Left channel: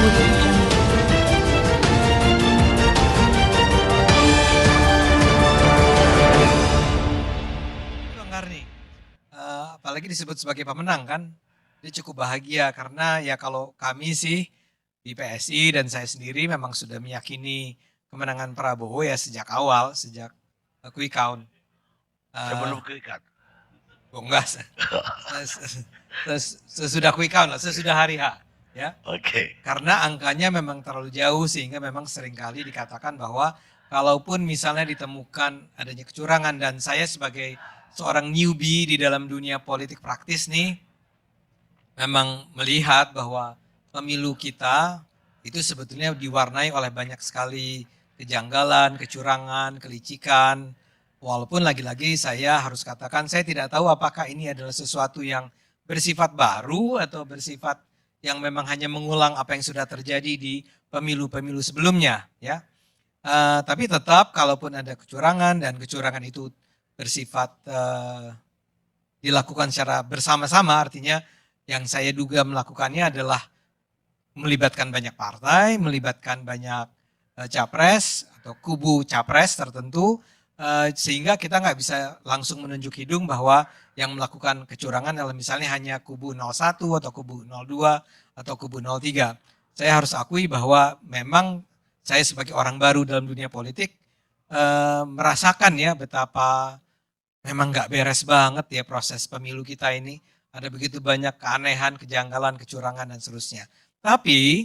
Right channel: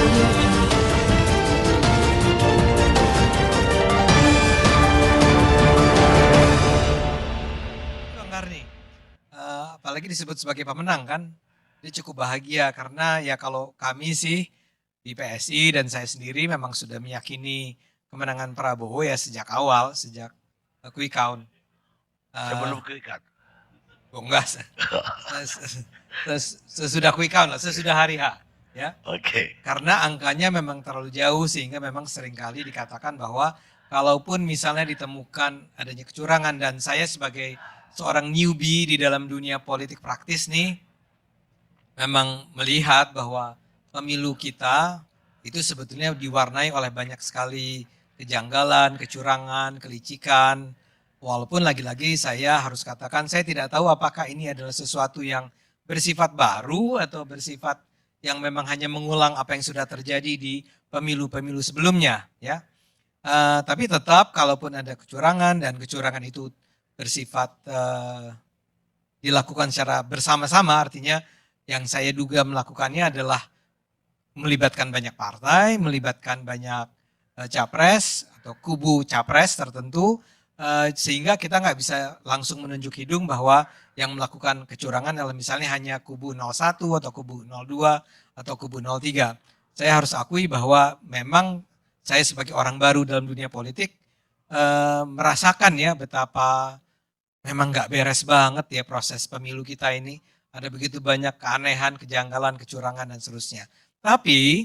Bang Karni, apalagi disebut sebagai pemenang kan, dia cukup bahagia karena ya kalau kami sih di PSI dan saya sendiri memang sudah meyakini kemenangan Prabowo ya sejak awal, sejak quick count. Sebelum quick count. Oh enggak, sesudah quick count lah, sesudah hari H. Ya. Oke. Karena angkanya memang terlalu jauh sehingga memang seringkali dikatakan bahwa kalaupun misalnya ditemukan adanya kecurangan dan saya sebagai seorang newbie di dalam dunia politik praktis nih memang melihat bahwa pemilu kita itu sebetulnya diwarnai oleh banyak sekali kejanggalan, kecurangan, kelicikan. Walaupun lagi-lagi saya harus katakan saya tidak tahu apakah ini adalah sesuatu yang bersifat baru atau bersifat yang memang hanya mengulang apa yang sudah terjadi di pemilu-pemilu sebelumnya, ya. Tapi tetap kalaupun ada kecurangan dan kecurangan itu bersifat dilakukan secara bersama-sama, artinya yang saya duga melakukannya adalah melibatkan banyak partai, melibatkan banyak capres atau kubu capres tertentu, sehingga kita nggak bisa langsung menunjuk hidung bahwa yang melakukan kecurangan adalah misalnya hanya kubu 01 atau kubu 02 atau kubu 03. Saya harus akui bahwa memang saya sebagai orang baru dalam dunia politik merasakan ya betapa memang nggak beres banget ya proses pemilu kita ini. Ada begitu banyak keanehan, kejanggalan, kecurangan dan seterusnya. Tapi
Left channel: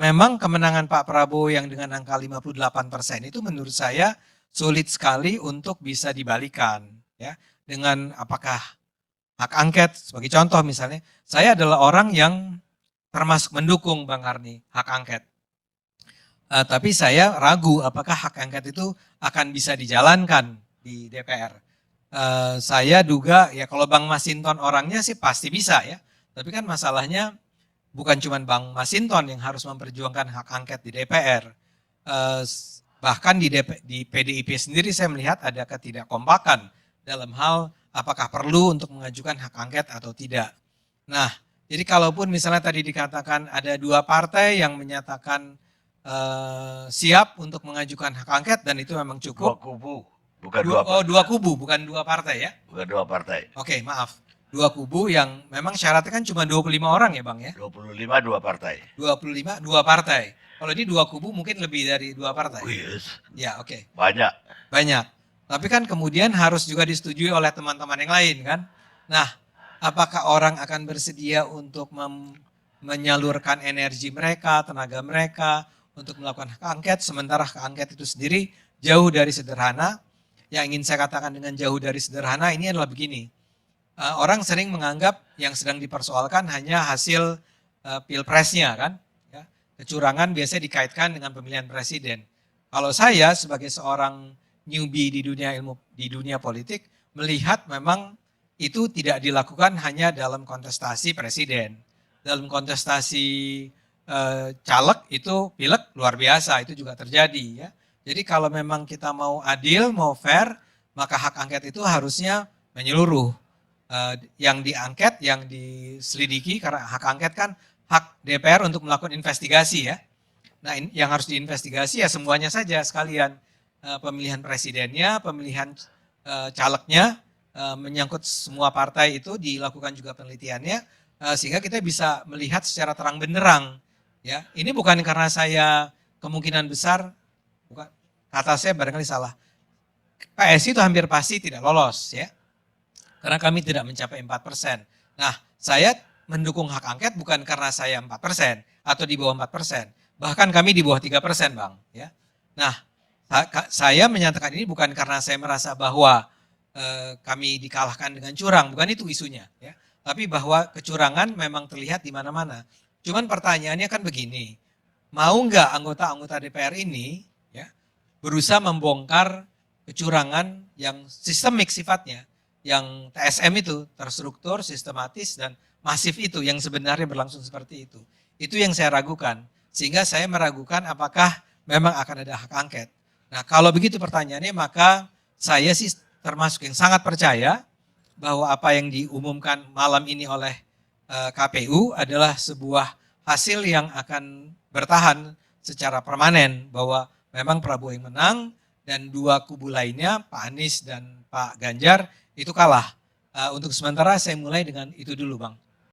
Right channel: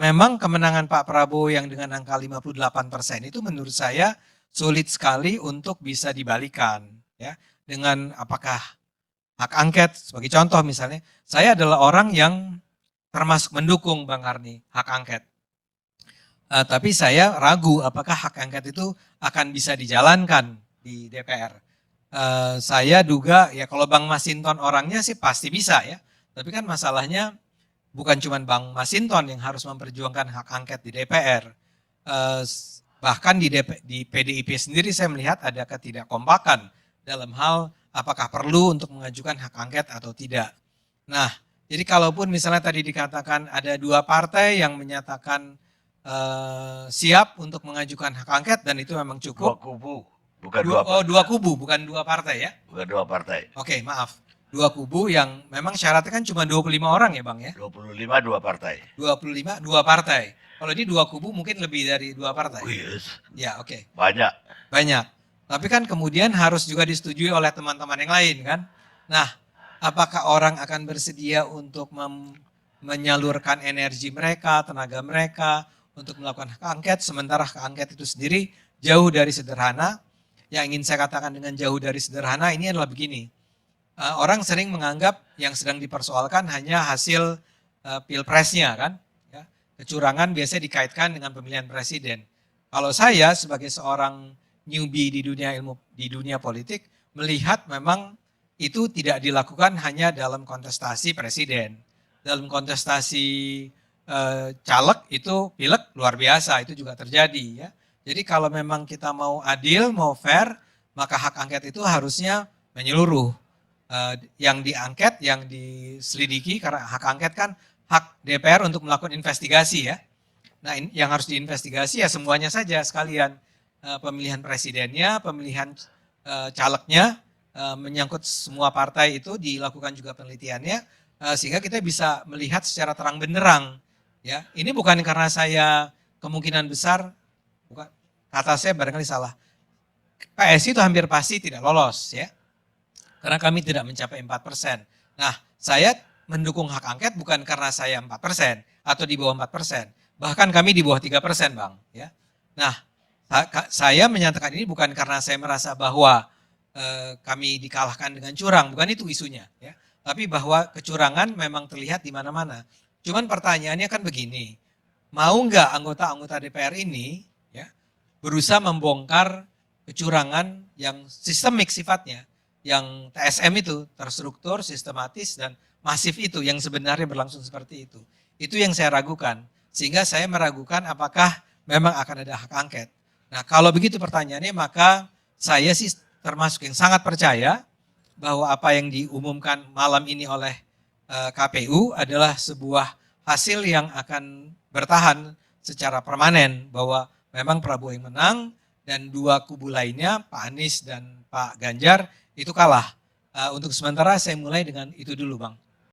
memang kemenangan Pak Prabowo yang dengan angka 58% itu menurut saya sulit sekali untuk bisa dibalikan ya dengan apakah hak angket sebagai contoh misalnya saya adalah orang yang termasuk mendukung Bang Karni hak angket. Tapi saya ragu apakah hak angket itu akan bisa dijalankan di DPR. Saya duga ya kalau Bang Masinton orangnya sih pasti bisa ya. Tapi kan masalahnya bukan cuma Bang Masinton yang harus memperjuangkan hak angket di DPR. Bahkan di PDIP sendiri saya melihat ada ketidakkompakan dalam hal apakah perlu untuk mengajukan hak angket atau tidak. Nah, jadi kalaupun misalnya tadi dikatakan ada dua partai yang menyatakan siap untuk mengajukan hak angket dan itu memang cukup. Dua kubu, bukan dua partai. Oh, dua kubu, bukan dua partai ya? Bukan dua partai. Oke, maaf. Dua kubu yang memang syaratnya kan cuma 25 orang ya Bang ya? 25 dua partai. 25 dua partai. Kalau ini dua kubu mungkin lebih dari dua partai. Yes. Ya, oke. Banyak. Banyak. Tapi kan kemudian harus juga disetujui oleh teman-teman yang lain kan. Nah, apakah orang akan bersedia untuk menyalurkan energi mereka, tenaga mereka untuk melakukan hak angket, sementara hak angket itu sendiri jauh dari sederhana. Yang ingin saya katakan dengan jauh dari sederhana ini adalah begini. Orang sering menganggap yang sedang dipersoalkan hanya hasil pilpresnya kan. Ya. Kecurangan biasanya dikaitkan dengan pemilihan presiden. Kalau saya sebagai seorang newbie di dunia politik melihat memang itu tidak dilakukan hanya dalam kontestasi presiden. Dalam kontestasi caleg itu pileg luar biasa itu juga terjadi ya. Jadi kalau memang kita mau adil, mau fair, maka hak angket itu harusnya menyeluruh. Yang diangket, yang diselidiki karena hak angket kan hak DPR untuk melakukan investigasi ya. Nah, yang harus diinvestigasi ya semuanya saja sekalian. Pemilihan presidennya, pemilihan calegnya, menyangkut semua partai itu dilakukan juga penelitiannya sehingga kita bisa melihat secara terang benderang ya. Ini bukan karena saya kemungkinan besar bukan, kata saya barangkali salah. PSI itu hampir pasti tidak lolos ya. Karena kami tidak mencapai 4%. Nah, saya mendukung hak angket bukan karena saya 4% atau di bawah 4%. Bahkan kami di bawah 3%, Bang. Ya. Nah, saya menyatakan ini bukan karena saya merasa bahwa kami dikalahkan dengan curang. Bukan itu isunya. Ya. Tapi bahwa kecurangan memang terlihat di mana-mana. Cuman pertanyaannya kan begini. Mau nggak anggota-anggota DPR ini ya, berusaha membongkar kecurangan yang sistemik sifatnya? Yang TSM itu terstruktur, sistematis dan masif itu yang sebenarnya berlangsung seperti itu. Itu yang saya ragukan. Sehingga saya meragukan apakah memang akan ada hak angket. Nah, kalau begitu pertanyaannya maka saya sih termasuk yang sangat percaya bahwa apa yang diumumkan malam ini oleh KPU adalah sebuah hasil yang akan bertahan secara permanen, bahwa memang Prabowo yang menang dan dua kubu lainnya Pak Anies dan Pak Ganjar itu kalah. Untuk sementara saya mulai dengan itu dulu Bang.